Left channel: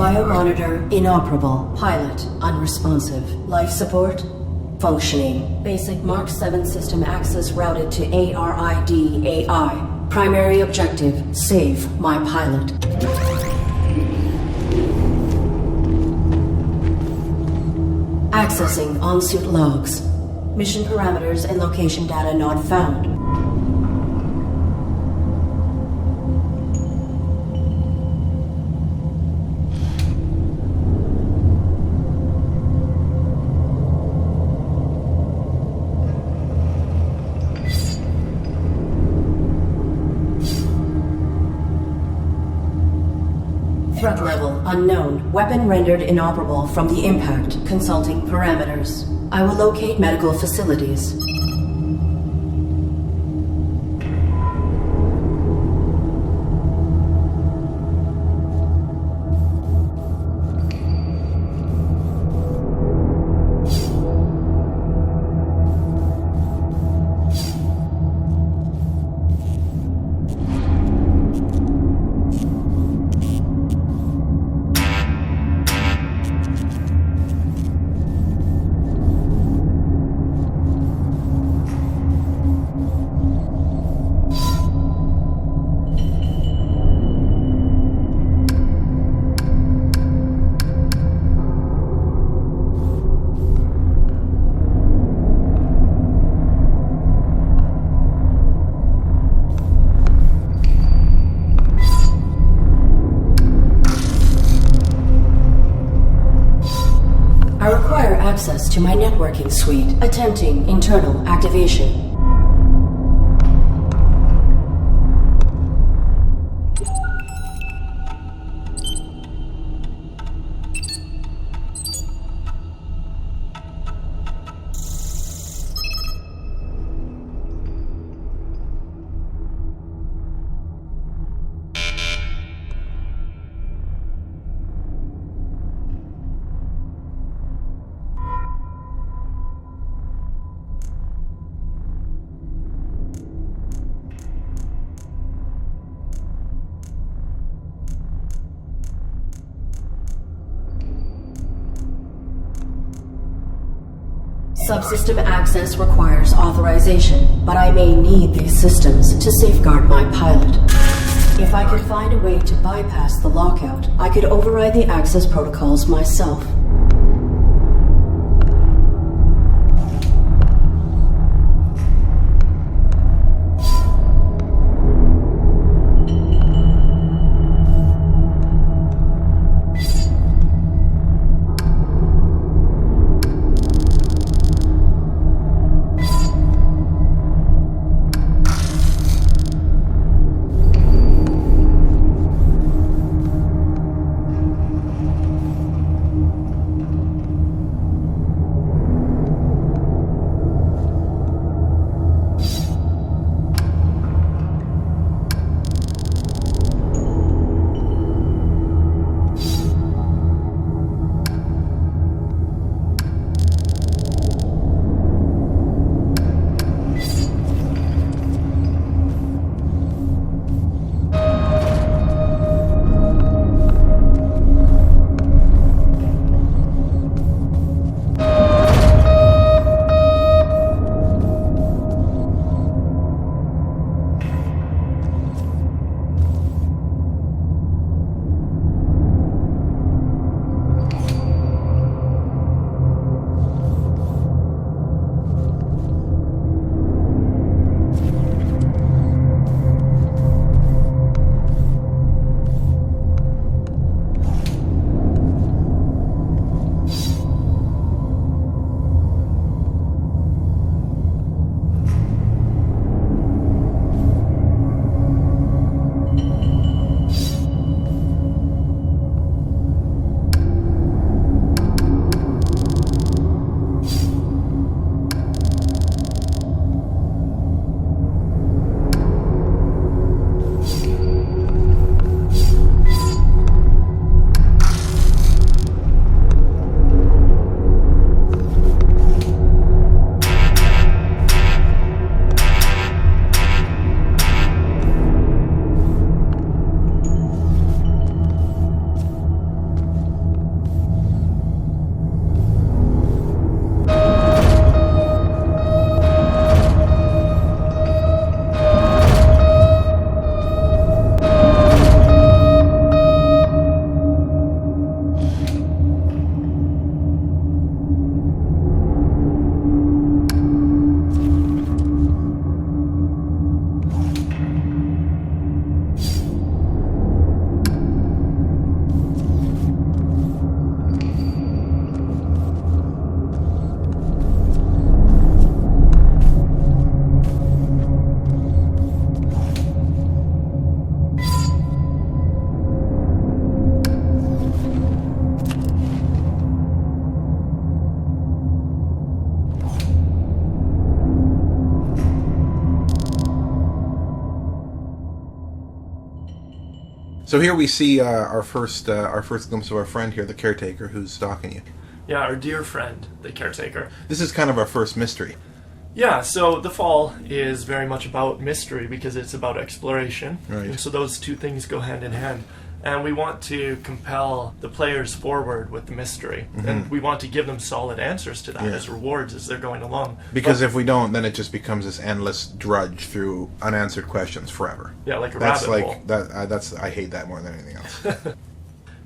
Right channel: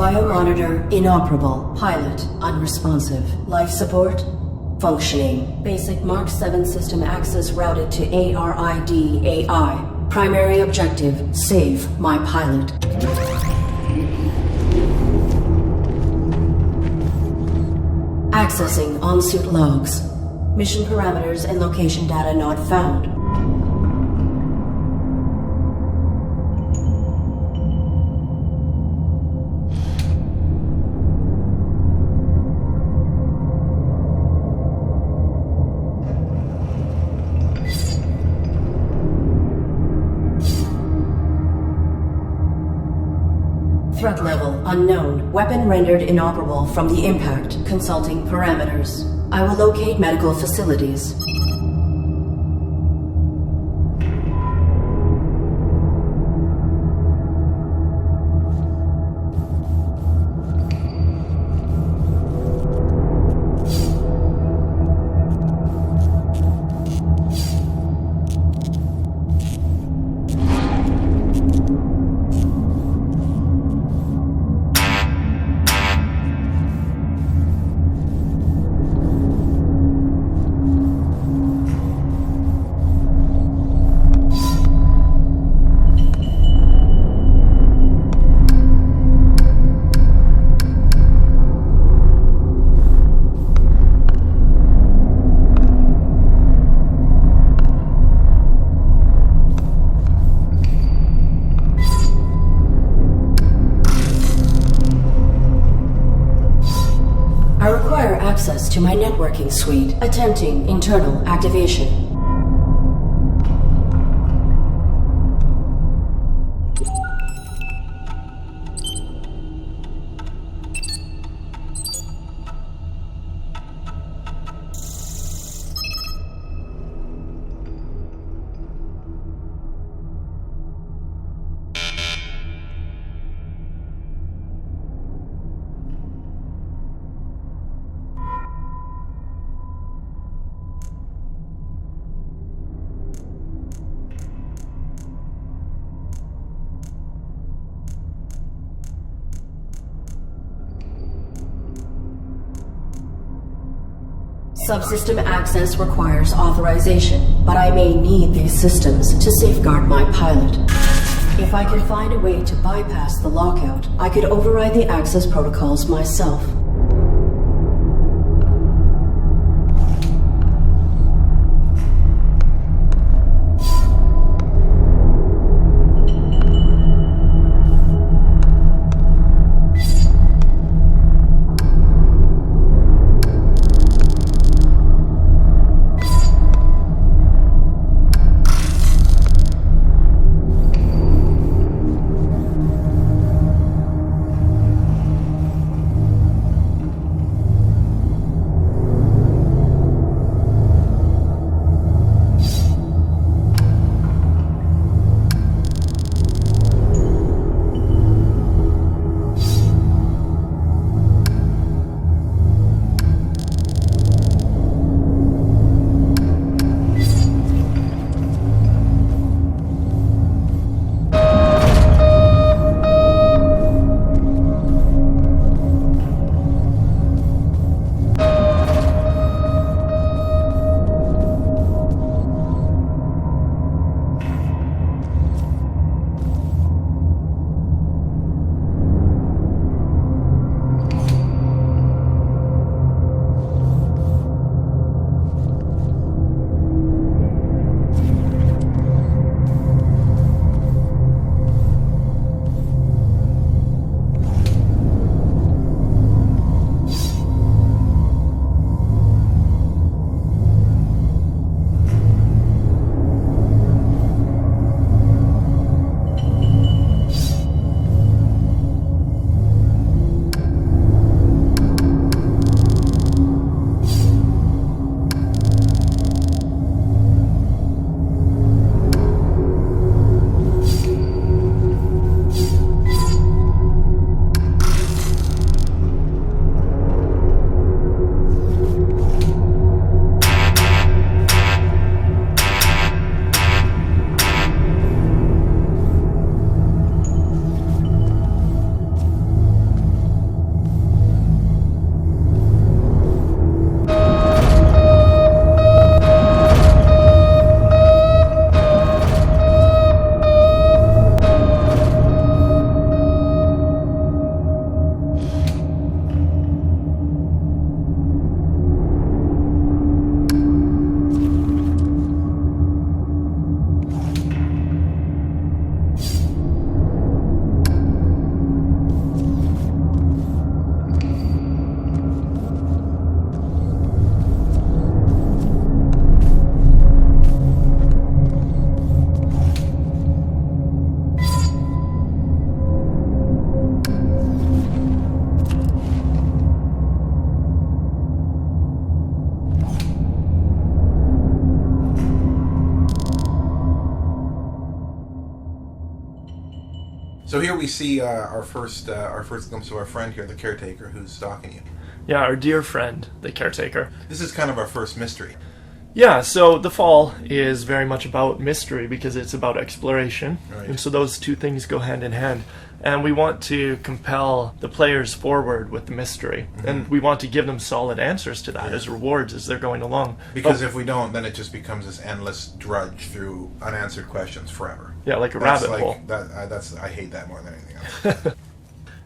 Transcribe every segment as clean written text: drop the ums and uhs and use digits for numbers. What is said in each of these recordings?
Biomonitor inoperable. Pilot unresponsive. Life support functioning. Basic Mark 7 system access routed to ARID AI. Primary objective, save my pilot. Accessing on-suit logs. Mission parameters and location data not found. Threat level unknown. Weapon rendered inoperable from the impact. Consulting parameters. I will locate medical facilities. I require access to my networking suite. Attempting internal activation. Subsystem access requires authorization, but I may need these systems to safeguard my pilot. If I could find a way to bypass the lockout, I could override the access protocols myself. So here we see our first glimpse of our friend here, the caretaker, who's stalking you. Yeah, our dear friend, the caretaker. This is kind of our first mystery. Yeah, so The Fall is very much about mystery because it's about exploration. Right. And so those two things go hand in hand. And we want to compel the players forward with the mystery. Mm-hmm. And we want to give them solid answers to that as rewards as they're going along. Because if we don't, then it just becomes this endless drudge through unanswered questions forever. Yeah, like a rabbit hole. I hate that more than anything else.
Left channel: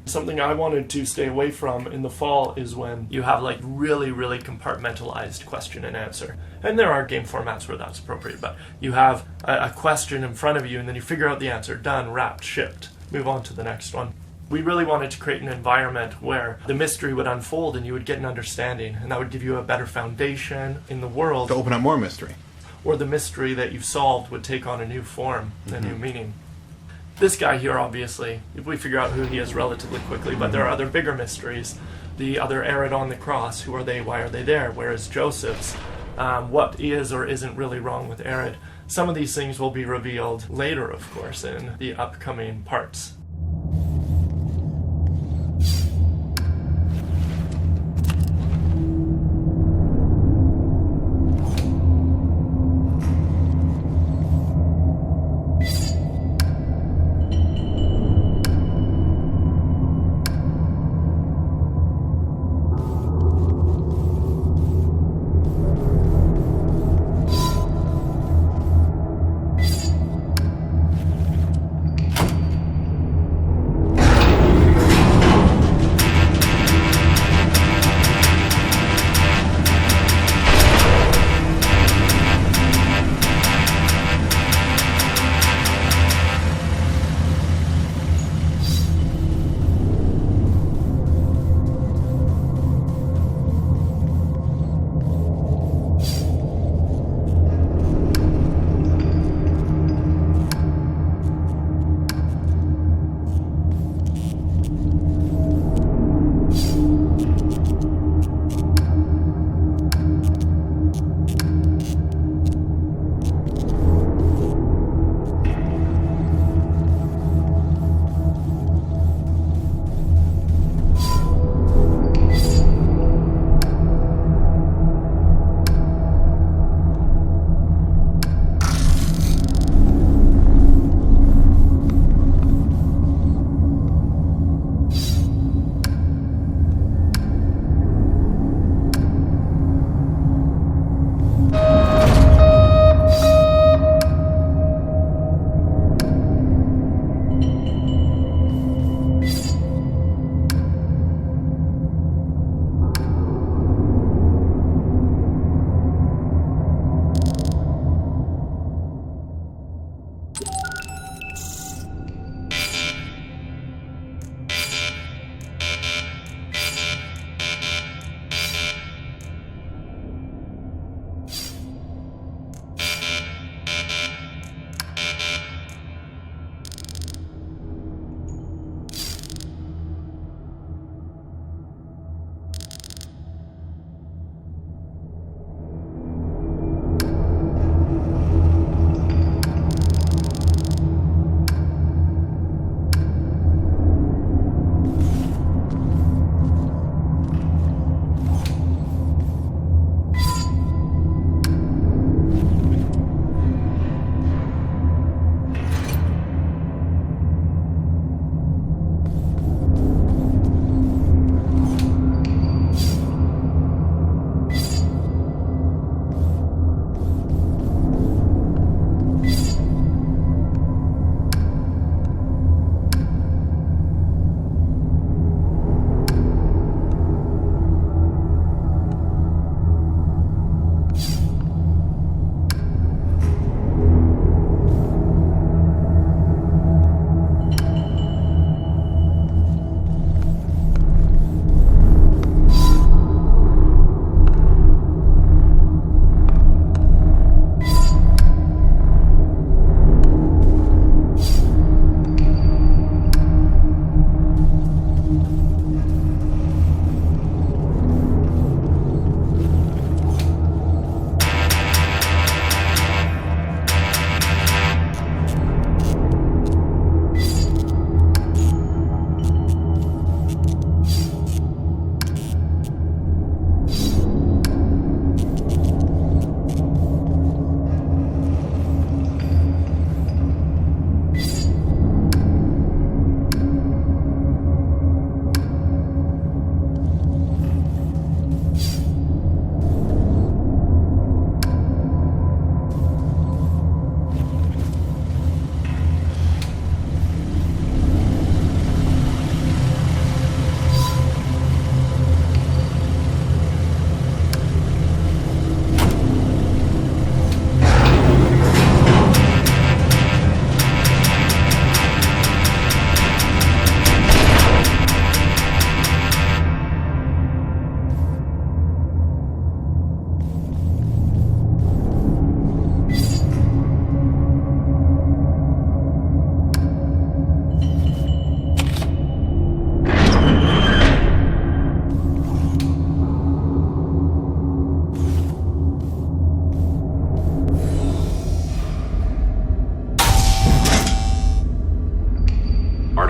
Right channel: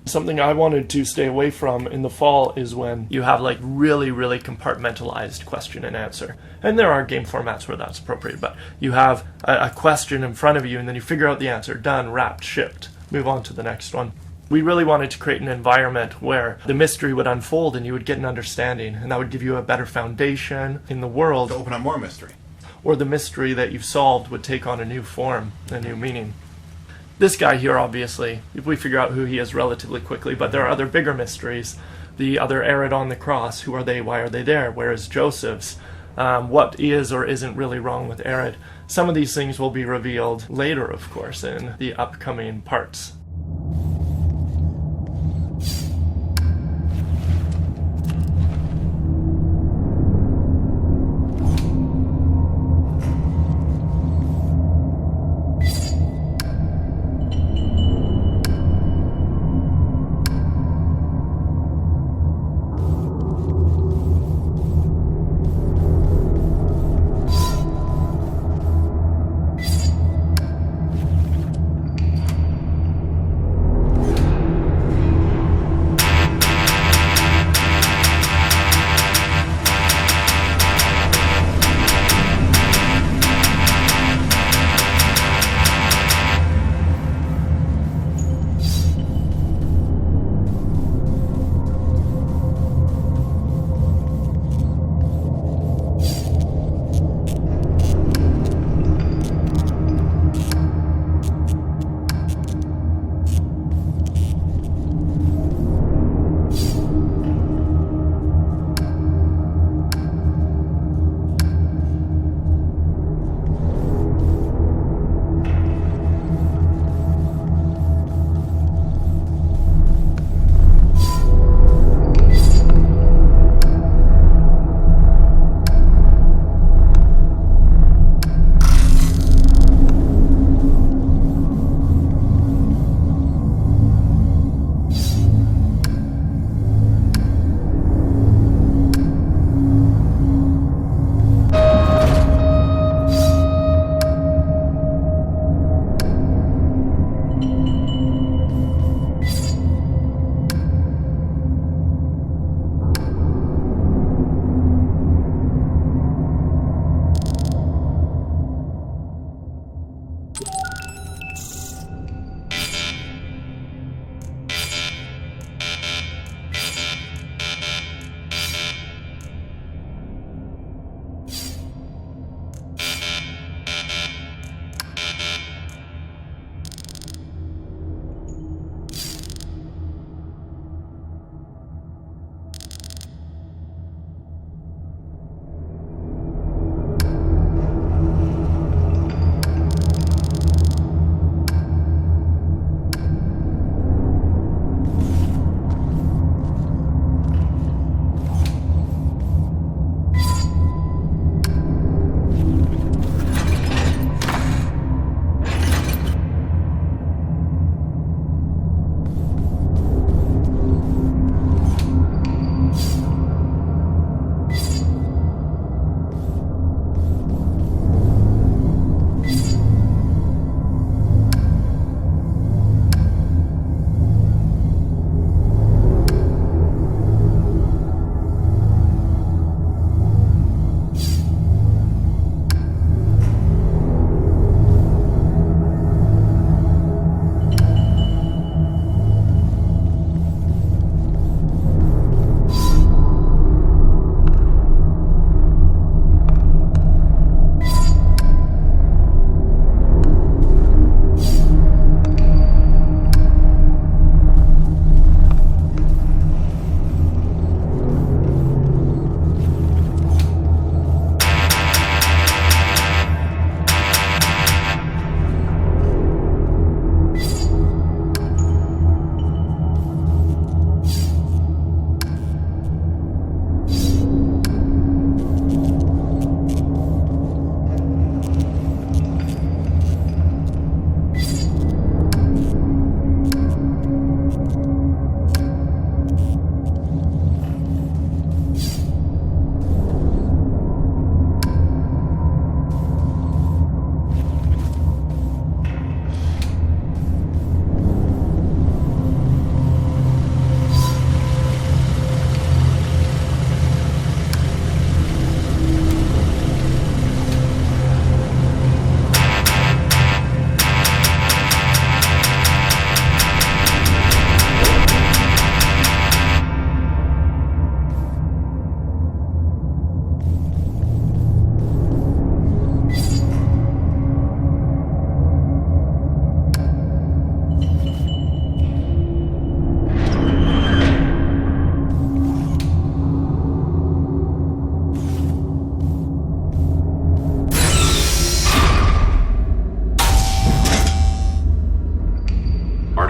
Something I wanted to stay away from in The Fall is when you have like really, really compartmentalized question and answer. And there are game formats where that's appropriate, but you have a question in front of you and then you figure out the answer. Done, wrapped, shipped. Move on to the next one. We really wanted to create an environment where the mystery would unfold and you would get an understanding, and that would give you a better foundation in the world. To open up more mystery. Or the mystery that you've solved would take on a new form, a new meaning. This guy here, obviously, we figure out who he is relatively quickly, but there are other bigger mysteries. The other Arid on the cross, who are they, why are they there, where is Joseph's? What is or isn't really wrong with Arid? Some of these things will be revealed later, of course, in the upcoming parts.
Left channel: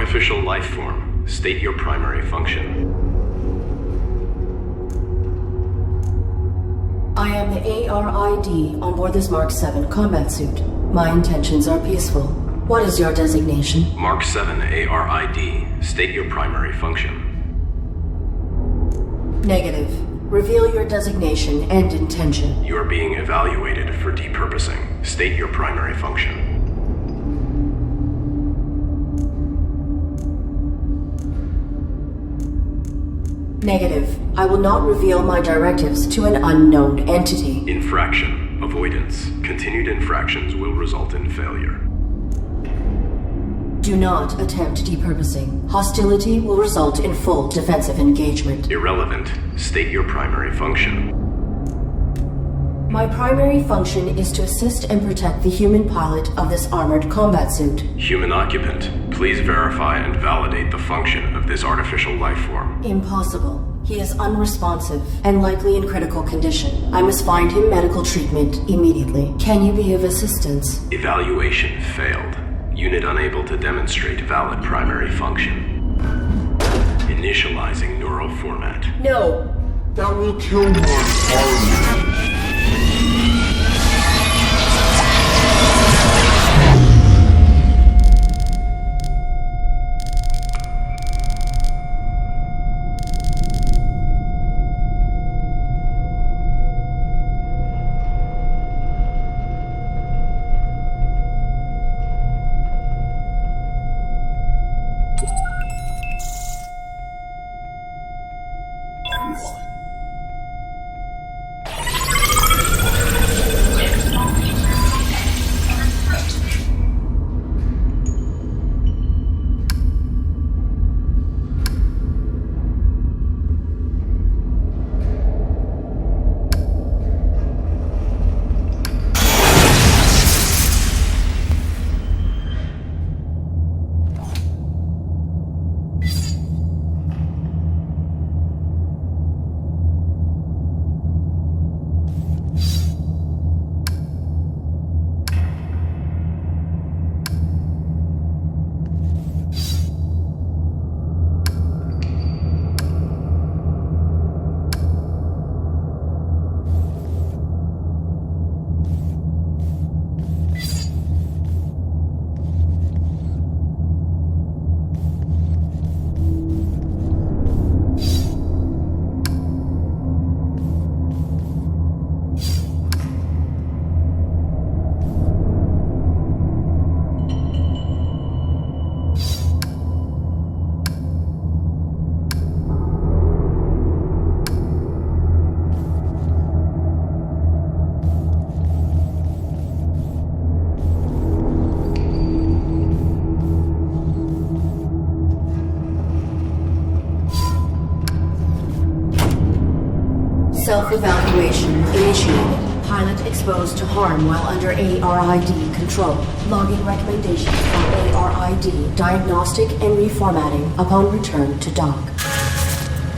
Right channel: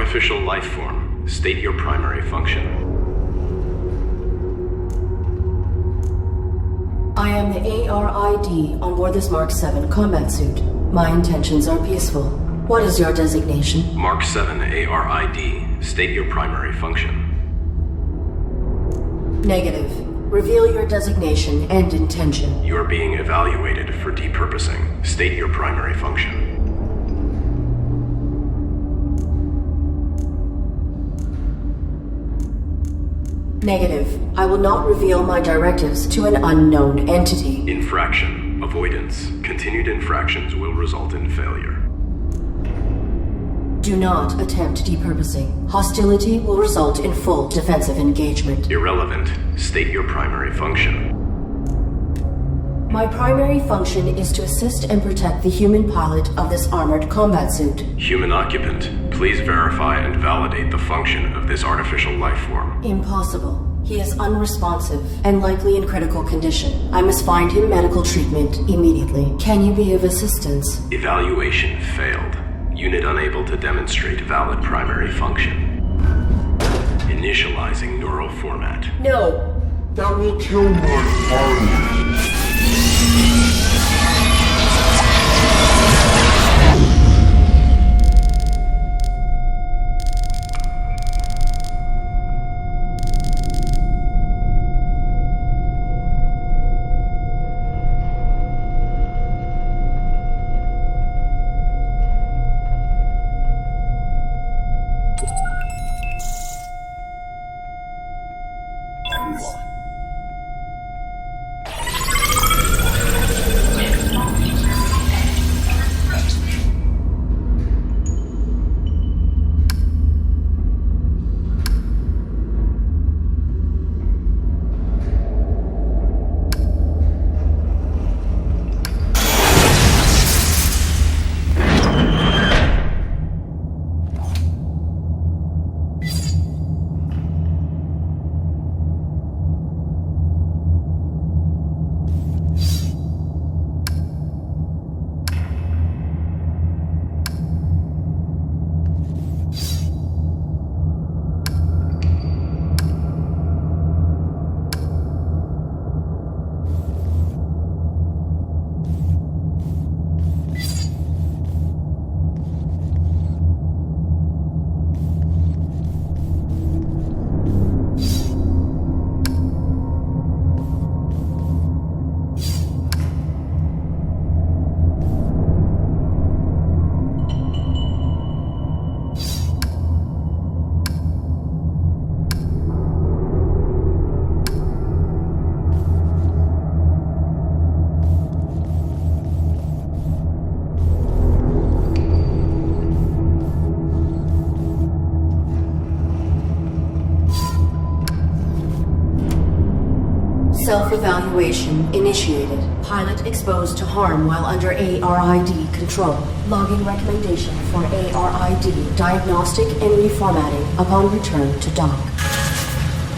artificial life form, state your primary function. I am the ARID on board this Mark 7 combat suit. My intentions are peaceful. What is your designation? Mark 7 ARID, state your primary function. Negative. Reveal your designation and intention. You are being evaluated for depurposing. State your primary function. Negative. I will not reveal my directives to an unknown entity. Infraction. Avoidance. Continued infractions will result in failure. Do not attempt depurposing. Hostility will result in full defensive engagement. Irrelevant. State your primary function. My primary function is to assist and protect the human pilot of this armored combat suit. Human occupant, please verify and validate the function of this artificial life form. Impossible. He is unresponsive and likely in critical condition. I must find him medical treatment immediately. Can you be of assistance? Evaluation failed. Unit unable to demonstrate valid primary function. Initializing neural format. No. That will kill my pilot. Self-evaluation initiated. Pilot exposed to harm while under ARID control. Login recommendation for ARID diagnostic and reformatting upon return to dock.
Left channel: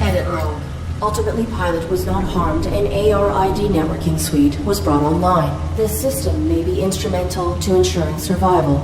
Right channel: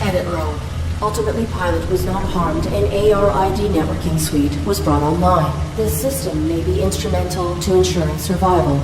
Edit log. Ultimately, pilot was not harmed and ARID networking suite was brought online. This system may be instrumental to ensuring survival.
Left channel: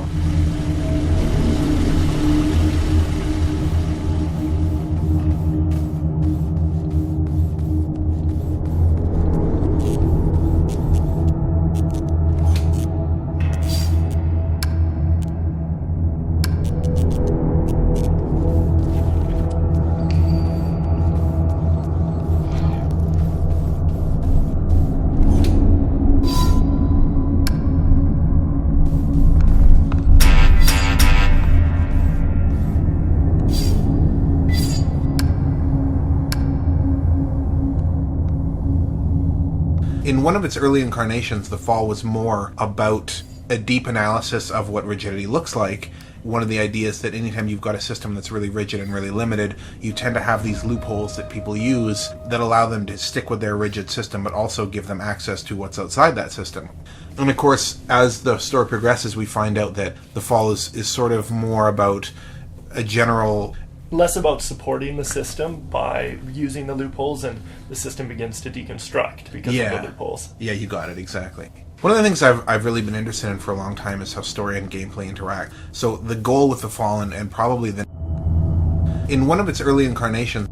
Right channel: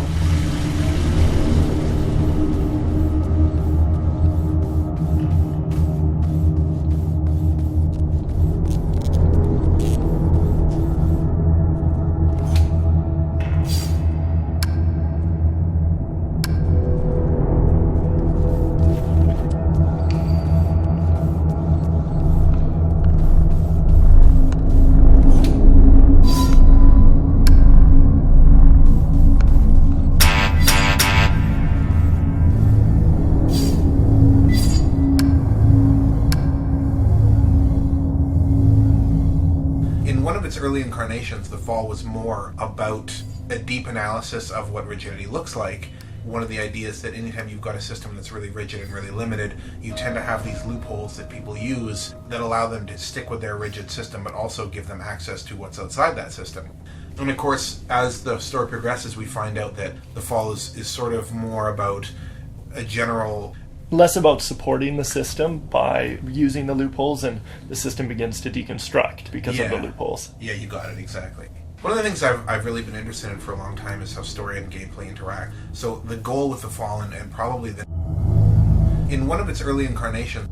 In one of its early incarnations, the Fall was more about a deep analysis of what rigidity looks like. One of the ideas that anytime you've got a system that's really rigid and really limited, you tend to have these loopholes that people use that allow them to stick with their rigid system, but also give them access to what's outside that system. And of course, as the story progresses, we find out that the Fall is sort of more about a general... less about supporting the system by using the loopholes, and the system begins to deconstruct because of the loopholes. Yeah, you got it, exactly. One of the things I've really been interested in for a long time is how story and gameplay interact. So the goal with the Fall, and probably the In one of its early incarnations,